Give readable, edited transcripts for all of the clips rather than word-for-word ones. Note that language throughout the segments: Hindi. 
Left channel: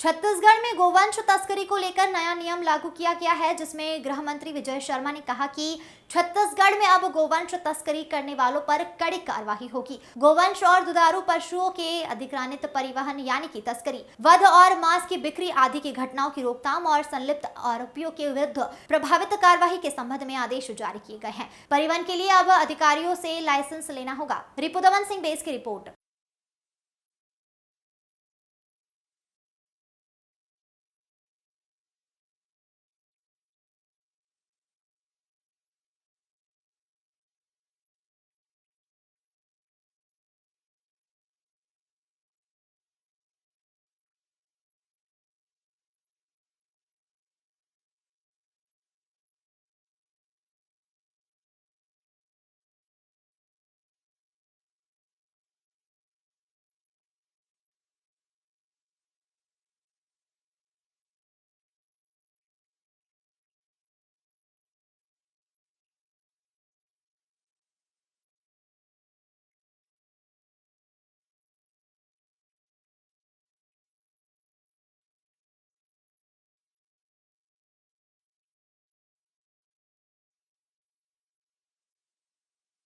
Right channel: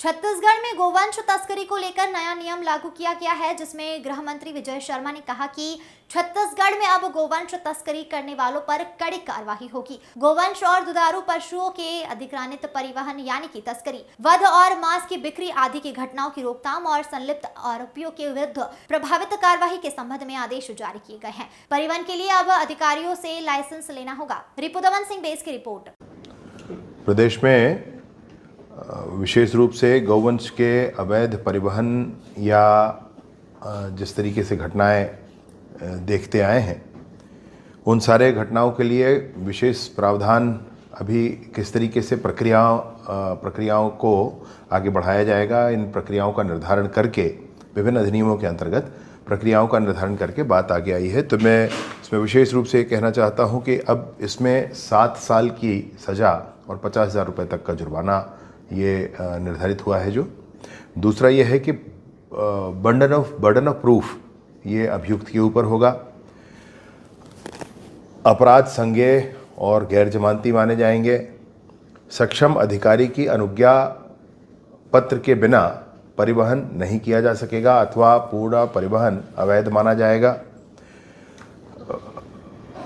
छत्तीसगढ़ में गोवंश तस्करी को लेकर नया नियम लागू किया गया है, जिसमें गृह मंत्री विजय शर्मा ने कहा कि छत्तीसगढ़ में अब गोवंश तस्करी करने वालों पर कड़ी कार्रवाई होगी। गोवंश और दुधारू पशुओं के अधिग्रहित परिवहन यानी कि तस्करी, वध और मांस की बिक्री आदि की घटनाओं की रोकथाम और संलिप्त आरोपियों के विरुद्ध प्रभावित कार्रवाई के संबंध में आदेश जारी किए गए हैं। परिवहन के लिए अब अधिकारियों से लाइसेंस लेना होगा। रिपुदमन सिंह बेस की रिपोर्ट। प्रदेश में विशेष रूप से गौवंश के अवैध परिवहन या जिस तरीके से घटनाएं देखते आए हैं, उन सारे घटनाओं के लिए विशेष प्रावधान अभी किस तरीके से प्रक्रियाओं को आगे बढ़ाया जाएगा, इन प्रक्रियाओं का निर्धारण करके विभिन्न अधिनियमों के अंतर्गत प्रक्रियाओं का निर्धारण करके बात आगे आई है। तो मैं इसमें विशेष रूप से कहना चाहता हूं कि अब इसमें 7 साल की सज़ा और 50,000 रुपये तक का जुर्माना ये निर्धारित हुआ है। जो दूसरा ये है कि बर्डन ऑफ प्रूफ ये अभियुक्त के ऊपर होगा। अपराध संज्ञेय और गैर जमानती माने जाएंगे। सक्षम अधिकारी की अनुज्ञा पत्र के बिना परिवहन नहीं किया जा सकेगा अथवा पूरा परिवहन अवैध माना जाएगा।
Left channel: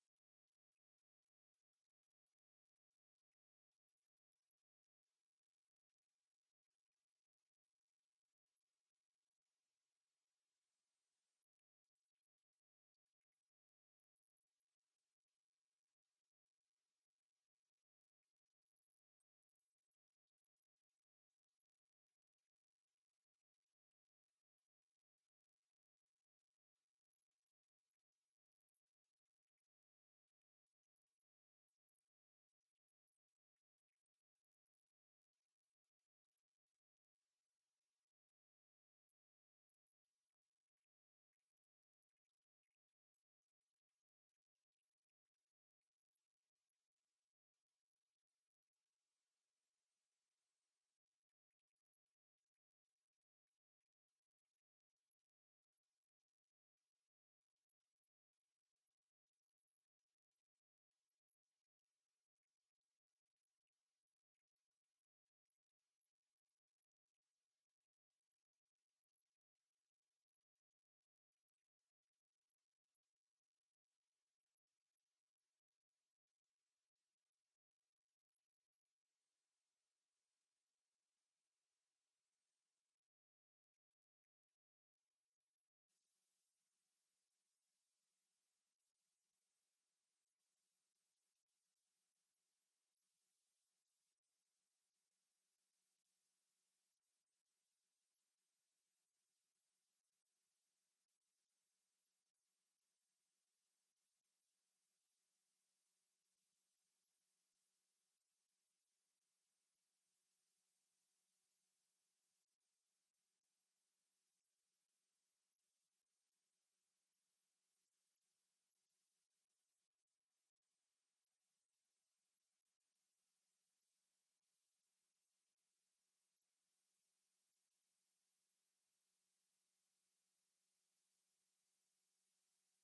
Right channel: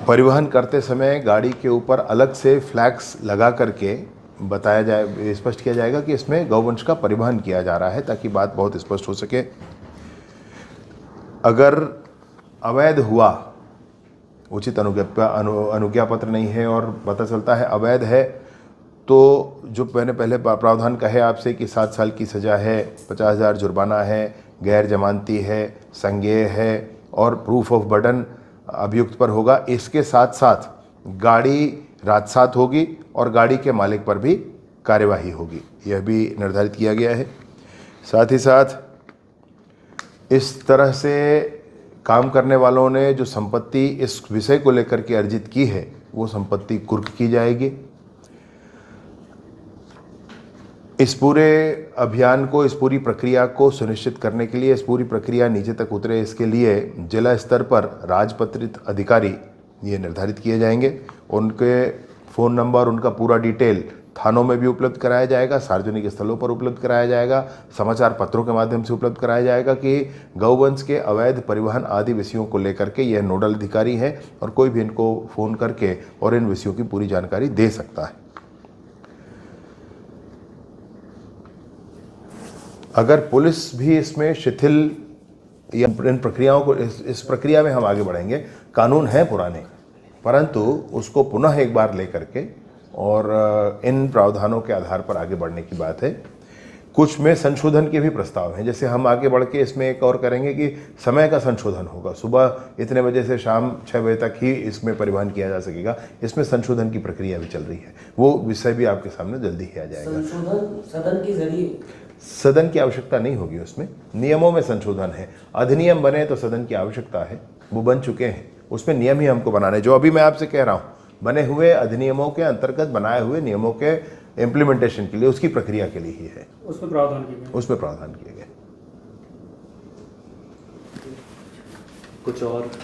परिवहन करते समय गाड़ी के ऊपर अलग से फ्लैग्स लगा करके बताया जाए, स्पष्ट किया जाएगा कि इसमें गौवंश का परिवहन किया जा रहा है, ताकि बात बहुत स्पष्ट हो सके। अगर अवैध हुआ, उचित अनुज्ञा पत्र नहीं है और पता चलता है अवैध है, तो जो मैंने पहले प्रावधान कहे आपसे कि 7 साल की सज़ा है, 50,000 जुर्माना है, गैर जमानती है, संज्ञेय है और प्रूफ ऑफ बर्डन अभियुक्त पर होगा। इसके साथ साथ गाड़ी राजसात होगी और गाड़ी के मालिक पर भी कार्यवाही होगी, यह भी निर्धारित किया गया है। साथ ही साथ इस तरह से काम करने वालों ने जो संपत्ति इस विषय को लेकर के अर्जित की है, वो संपत्ति कुर्क की जाएगी। इस पूरे अभियान को, इस पूरी प्रक्रिया को सुनिश्चित करने के लिए, इस पूरी प्रक्रिया नीचे तक उतरे, इसके लिए जिला स्तर पर राजपत्रित अधिकारी ये निर्धारित किए जाएंगे। उनके फ़ोन नंबर, उनका पूरा डिटेल थानों में भी उपलब्ध कराया जाएगा, सार्वजनिक स्थलों पर उपलब्ध कराया जाएगा, समाचार पत्रों के माध्यम से उपलब्ध कराया जाएगा कि गौवंश के अवैध परिवहन आदि विषयों को लेकर के यह नोडल अधिकारी हैं और कोई भी इनको फ़ोन करके और इन विषयों की पूरी जानकारी दे सकता है। अगर पुलिस भी इसमें शिथिल या इन प्रक्रियाओं को, इस प्रक्रिया में हम आगे बढ़ेंगे। कानून है पुराने, परंतु उसको पुनः एक बार लेकर के और इन प्रावधानों के आधार पर आगे बढ़ने की बात है। कुछ में संशोधन के भी प्रस्ताव हैं, जैसे हम आगे बढ़ के इसमें एक और करेंगे कि समय का संशोधन होगा। सुबह इतने बजे से शाम 6 बजे तक ही इसमें परिवहन किया जा सकेगा। इसमें संशोधन की प्रक्रिया भी चल रही है, वो विषय भी आपके सामने जल्दी ही आ जाएगा। संशोधन सदन के जरिए? सदन की आवश्यकता नहीं होगी, उसमें नियमों में संशोधन है। अधिनियम बने तो सदन की आवश्यकता है, वो बन चुके हैं, उसमें नियम ही हमको बनाने। जो अभी मैं आपसे कह रहा हूँ, बने हुए अधिनियमों के अंतर्गत बनाए हुए नियमों के इम्प्लीमेंटेशन के लिए, उसकी प्रक्रिया के लिए ही है। उसमें प्रावधान किए गए। गए कुछ और